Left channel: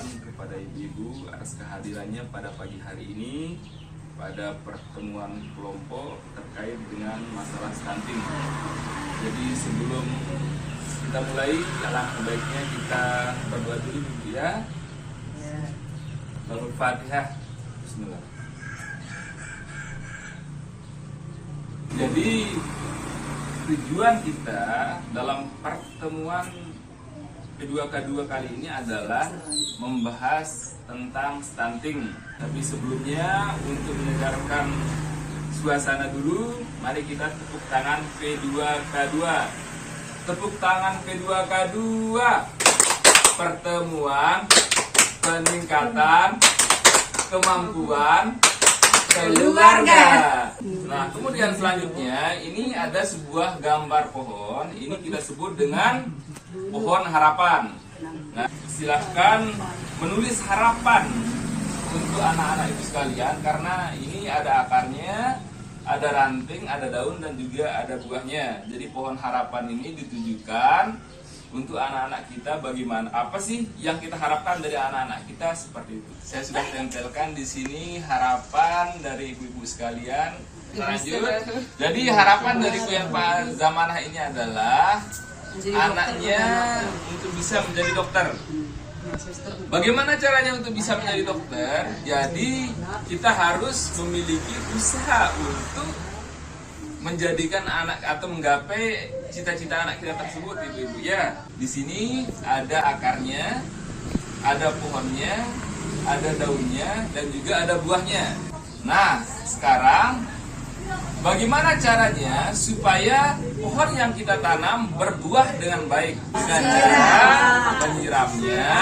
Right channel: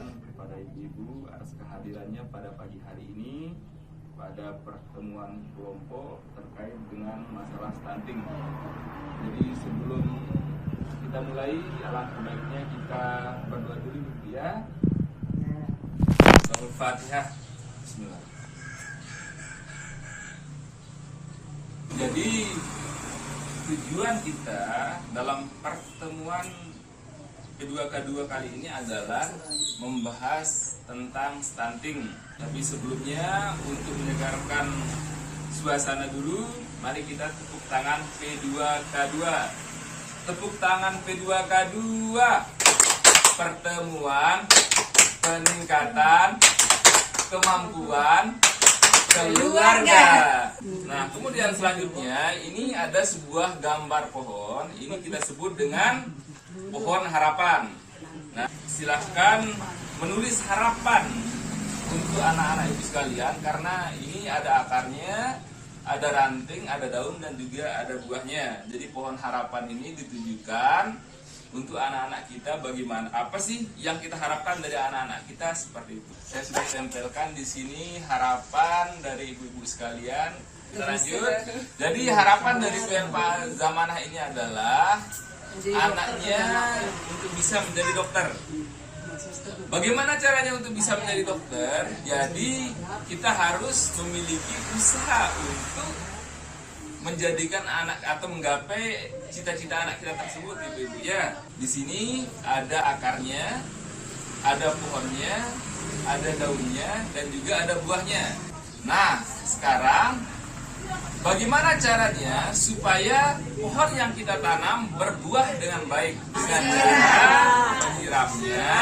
ucapkan kepada ibu-ibu atas kehadirannya pada pagi hari ini pada pertemuan kelompok terkait dengan masalah stunting. Jadi sebelum kita mulai, alangkah baiknya kita berdoa dulu ibu ya. Al-Fatihah. Bismillah. Jadi tujuan kita dalam pertemuan kedua kali ini adalah membahas tentang stunting. Tapi sebelumnya untuk menyegarkan suasana dulu, mari kita tepuk tangan P2K2. Tepuk tangan P2K2. Pertemuan peningkatan kemampuan keluarga. Nah, kemudian selanjutnya ini ada sebuah gambar pohon. Ini kita sebut dengan pohon harapan. Nah, silahkan menulis harapan untuk anak-anak ibu sekalian karena ini ada akarnya, ada ranting, ada daun dan juga ada buahnya. Jadi pohon harapan ini ditujukan untuk anak-anak kita bagaimana, apa sih yang kita harapkan dari anak-anak kita seperti itu. Saya sudah tempelkan di sini harapan dari ibu-ibu sekalian. Lanjut. Jadi harapan dari Pak Zamanah ini adalah anaknya untuk bisa menjadi dokter. Bagaimana caranya untuk bisa menjadi dokter? Jadi kita harus memiliki usaha untuk menjadikan anak atau menggapai cita-cita anak kita tersebut, ibu-ibu ya. Di sini ada akarnya, ada pohonnya, ada daunnya, dan juga ada buahnya. Nah, sekarang bagaimana caranya supaya pohon yang kita tanam berbuah dengan baik? Dengan cara menyiramnya,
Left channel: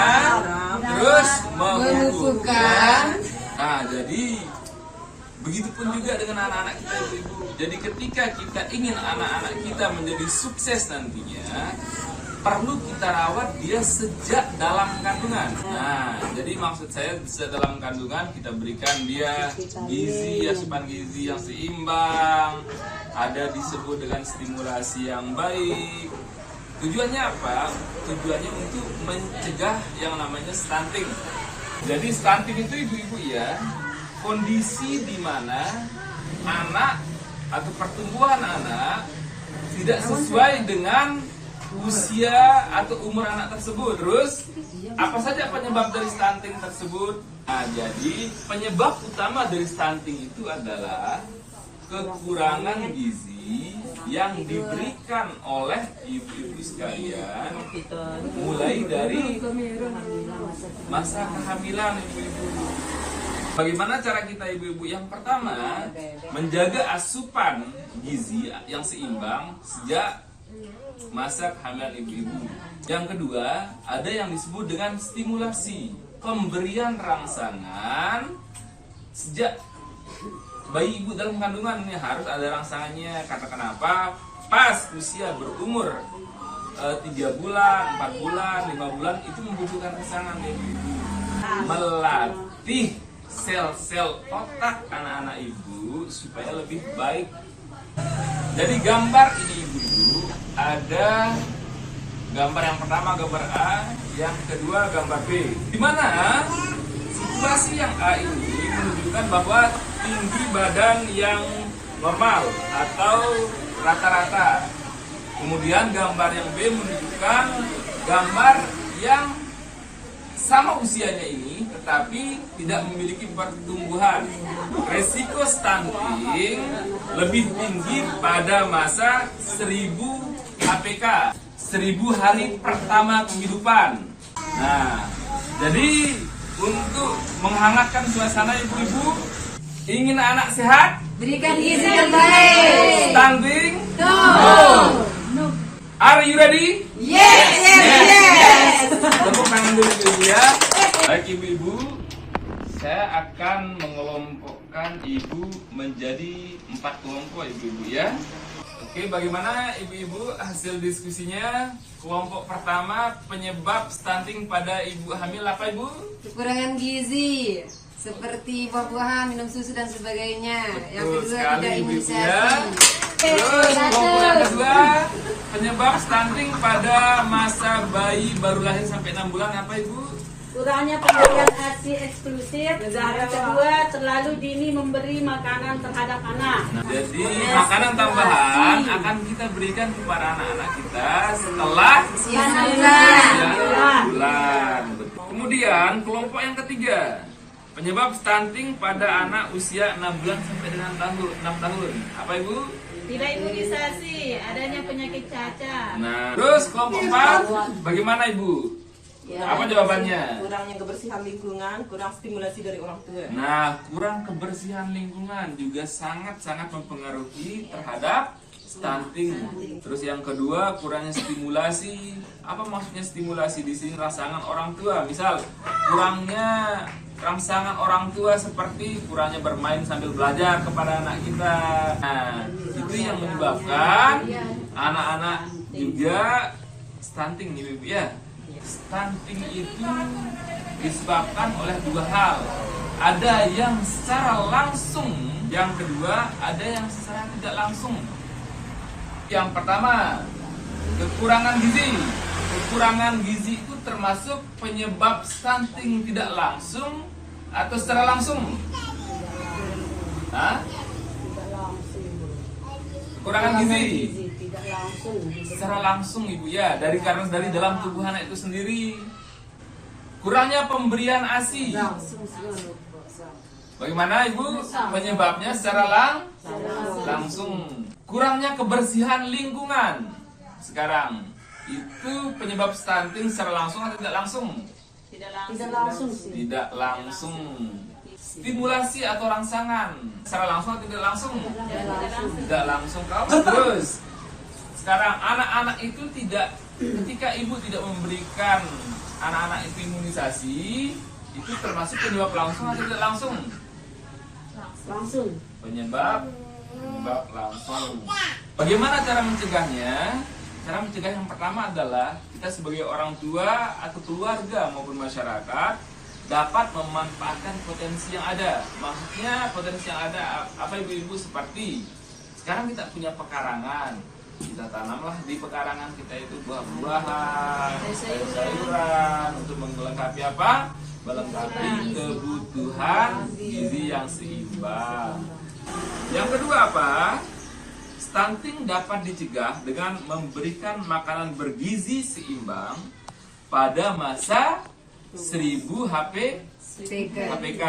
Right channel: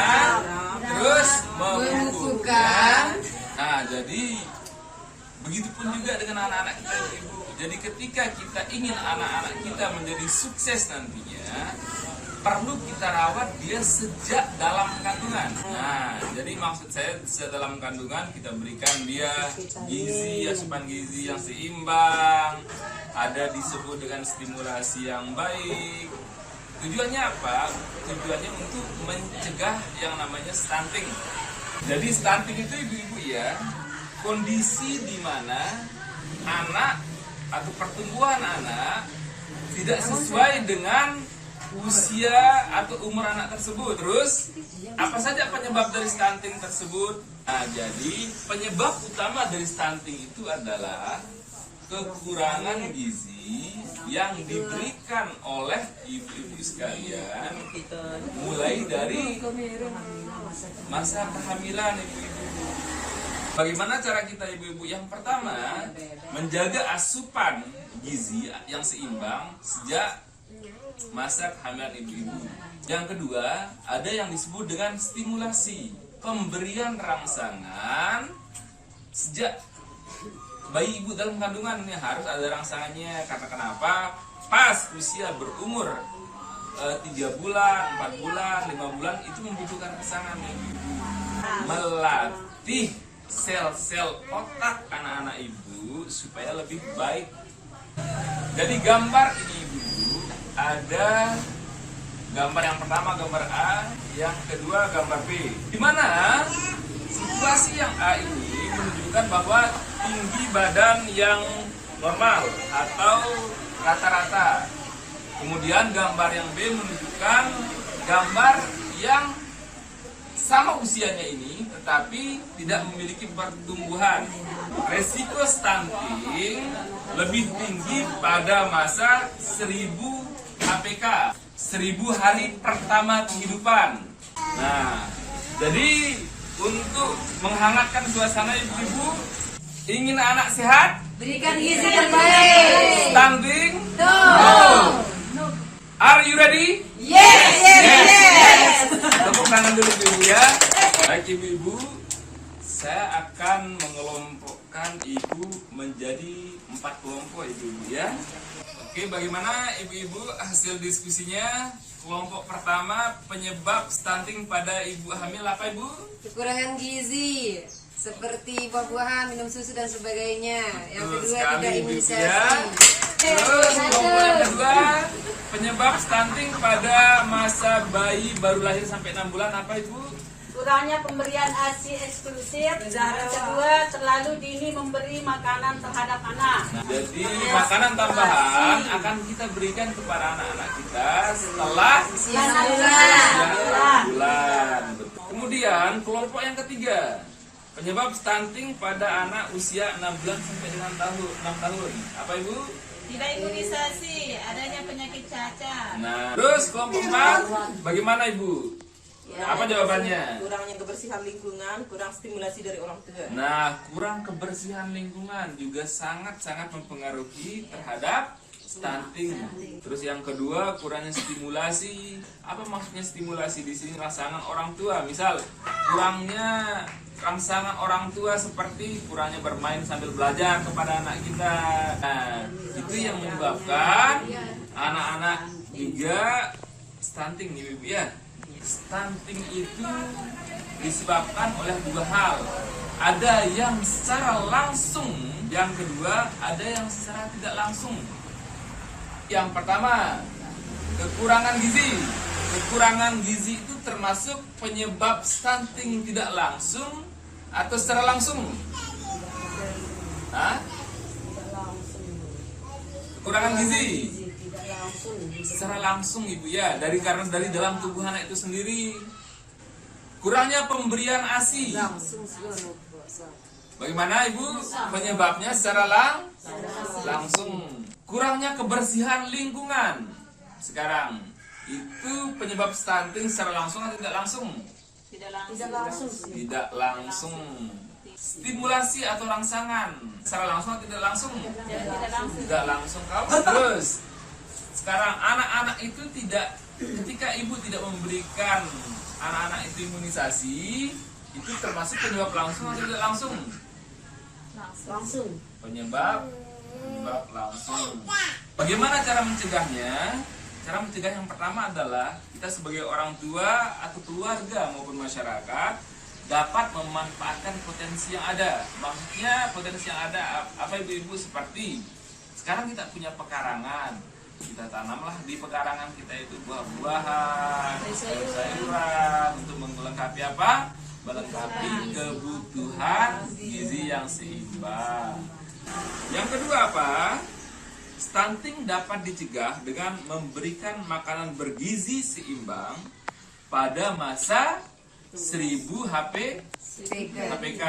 terus memupuknya. Nah, jadi begitupun juga dengan anak-anak kita, ibu. Jadi ketika kita ingin anak-anak kita menjadi sukses nantinya, perlu kita rawat dia sejak dalam kandungan. Nah, jadi maksud saya sejak dalam kandungan kita berikan dia gizi, asupan gizi yang seimbang, ada disebut dengan stimulasi yang baik. Tujuannya apa? Tujuannya untuk mencegah yang namanya stunting. Jadi stunting itu ibu-ibu ya, kondisi di mana anak atau pertumbuhan anak tidak sesuai dengan usia atau umur anak tersebut. Terus apa saja penyebab dari stunting tersebut? Nah, jadi penyebab utama dari stunting itu adalah kekurangan gizi yang diberikan oleh ibu-ibu sekalian mulai dari masa kehamilan ibu-ibu. Bagaimana cara kita ibu-ibu? Yang pertama, menjaga asupan gizi yang seimbang sejak masa kehamilan ibu-ibu. Yang kedua, ada yang disebut dengan stimulasi, pemberian rangsangan sejak bayi ibu dalam kandungan. Ini harus ada rangsangannya. Karena kenapa? Pas usia berumur 3 bulan, 4 bulan, 5 bulan itu membutuhkan rangsangan ibu. Melatih sel-sel otak anak-anak ibu supaya lebih baik. Jadi gambar ini ibu, ada gambar yang pertama gambar A, yang kedua gambar B. Di mana situasi yang A ini menunjukkan bahwa tinggi badan yang normal atau rata-rata. Kemudian gambar yang B menunjukkan gambar yang sama usianya ini tetapi tidak memiliki pertumbuhan. Resiko stunting lebih tinggi pada masa 1000 HPK, 1000 hari pertama kehidupan. Nah, jadi untuk menghangatkan suasana ibu-ibu, ingin anak sehat? Berikan gizi terbaik. Stunting? No. Are you ready? Yes. Tepuk tangan dulu ibu ya. Baik ibu-ibu, saya akan mengelompokkan ibu menjadi 4 kelompok ibu-ibu ya. Oke, bagaimana ibu-ibu hasil diskusinya? Kelompok pertama, penyebab stunting pada ibu hamil apa ibu? Kekurangan gizi seperti buah-buahan, minum susu dan sebagainya. Yang kedua, tidak imunisasi. Terus kelompok yang kedua, penyebab stunting pada masa bayi baru lahir sampai 6 bulan apa ibu? kurangnya pemberian ASI eksklusif. Yang kedua, terlalu dini memberi makanan terhadap anak. Jadi makanan tambahan akan kita berikan kepada anak-anak kita setelah 9 bulan. Kemudian kelompok yang ketiga, penyebab stunting pada anak usia 6 bulan sampai dengan 6 tahun. Apa Ibu? Tidak imunisasi, adanya penyakit cacar. Nah, terus kelompok 4, bagaimana Ibu? Apa jawabannya? Kurangnya kebersihan lingkungan, kurang stimulasi dari orang tua. Nah, kurang kebersihan lingkungan juga sangat-sangat mempengaruhi terhadap stunting. Terus yang kedua, kurangnya stimulasi. Apa maksudnya stimulasi di sini? Rangsangan orang tua. Misal, kurangnya rangsangan orang tua seperti kurangnya bermain sambil belajar kepada anak kita. Nah, itu yang menyebabkan anak-anak juga stunting nih Ibu ya. Stunting itu disebabkan oleh dua hal. Ada yang secara langsung, yang kedua ada yang secara tidak langsung. Yang pertama, kekurangan gizi. Kekurangan gizi itu termasuk penyebab stunting tidak langsung atau secara langsung? Hah? Kekurangan gizi secara langsung Ibu ya, karena dari dalam tubuh anak itu sendiri. Kurangnya pemberian ASI. Bagaimana Ibu? Penyebabnya secara langsung. Kurangnya kebersihan lingkungan. Sekarang itu penyebab stunting secara langsung atau tidak langsung? Tidak langsung. Stimulasi atau rangsangan secara langsung atau tidak langsung? Tidak langsung. Kalau terus sekarang anak-anak itu tidak, ketika ibu tidak memberikan anak-anak itu imunisasi, itu termasuk penyebab langsung atau tidak langsung? Penyebab langsung. Bagaimana cara mencegahnya? Cara mencegah yang pertama adalah kita sebagai orang tua atau keluarga maupun masyarakat dapat memanfaatkan potensi yang ada. Maksudnya potensi yang ada apa ibu-ibu? Seperti sekarang kita punya pekarangan, kita tanamlah di pekarangan kita itu buah-buahan, sayur-sayuran untuk melengkapi apa? Melengkapi kebutuhan gizi yang seimbang. Yang kedua apa? Stunting dapat dicegah dengan memberikan makanan bergizi seimbang pada masa 1000 HPK.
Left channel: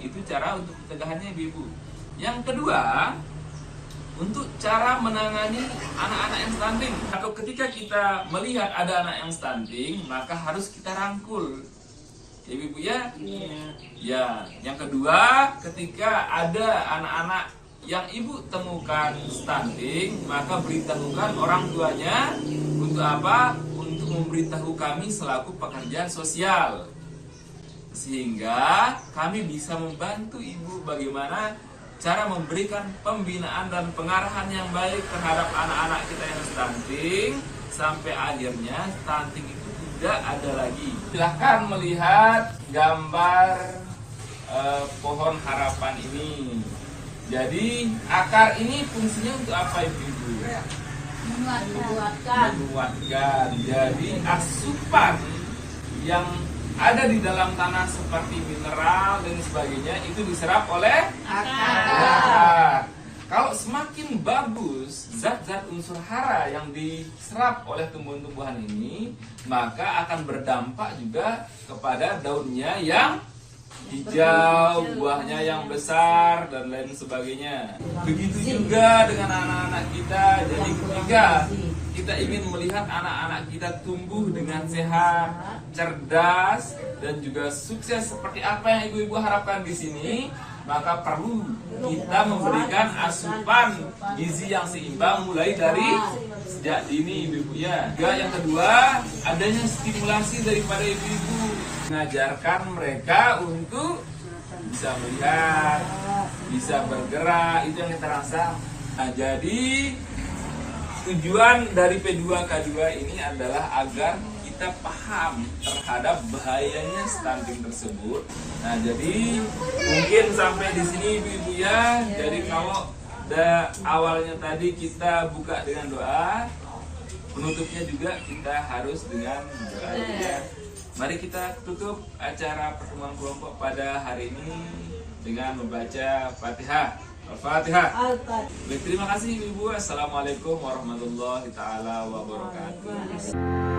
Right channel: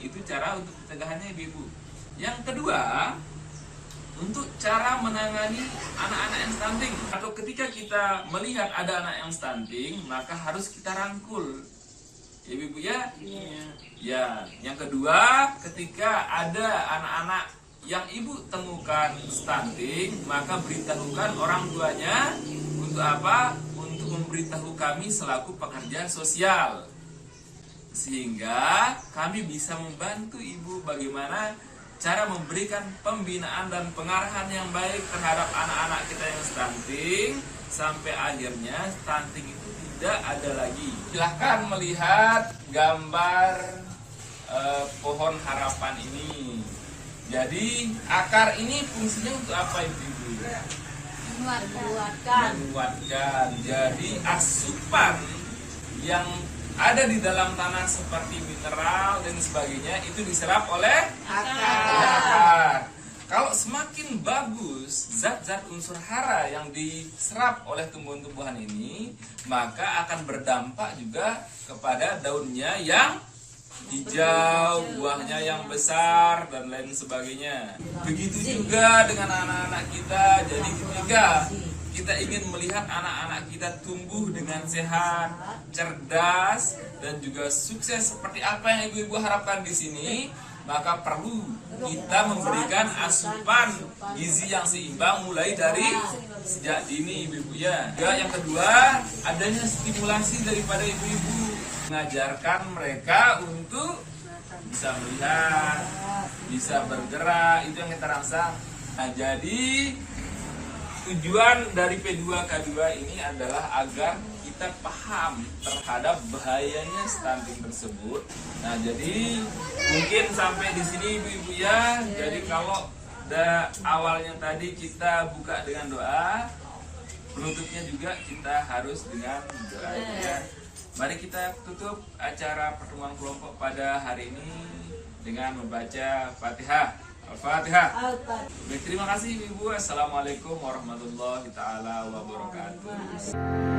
Itu cara untuk pencegahannya Ibu. Yang kedua, untuk cara menangani anak-anak yang stunting, atau ketika kita melihat ada anak yang stunting, maka harus kita rangkul, ya Ibu ya. Ya, yang kedua, ketika ada anak-anak yang ibu temukan stunting, maka beritahukan orang tuanya. Untuk apa? Untuk memberitahu kami selaku pekerja sosial, sehingga kami bisa membantu ibu bagaimana cara memberikan pembinaan dan pengarahan yang baik terhadap anak-anak kita yang stunting, sampai akhirnya stunting itu tidak ada lagi. Silahkan melihat gambar pohon harapan ini. Jadi akar ini fungsinya untuk apa ibu-ibu? Menguatkan. Jadi asupan yang ada di dalam tanah seperti mineral dan sebagainya itu diserap oleh akar. Kalau semakin bagus zat-zat unsur hara yang diserap oleh tumbuhan-tumbuhan ini, maka akan berdampak juga kepada daunnya yang hijau, buahnya yang besar, dan lain sebagainya. Begitu juga dengan anak-anak kita. Jadi ketika kita ingin melihat anak-anak kita tumbuh dengan sehat, cerdas, dan juga sukses seperti apa yang ibu-ibu harapkan di sini, maka perlu kita memberikan asupan gizi yang seimbang mulai dari sejak dini ibu-ibu ya. Juga yang kedua, adanya stimulasi daripada ibu-ibu, mengajarkan mereka untuk bisa melihat, bisa bergerak, itu yang kita rasa. Nah, jadi tujuan dari P2K2 ini adalah agar kita paham terhadap bahayanya stunting tersebut. Nah, jadi mungkin sampai di sini ibu-ibu ya. Jadi kalau awalnya tadi kita buka dengan doa, penutupnya juga kita harus dengan doa ya. Mari kita tutup acara pertemuan kelompok pada hari ini dengan membaca Fatihah. Al-Fatihah. Al-Fatihah. Baik, terima kasih Ibu. Assalamualaikum warahmatullahi taala wabarakatuh.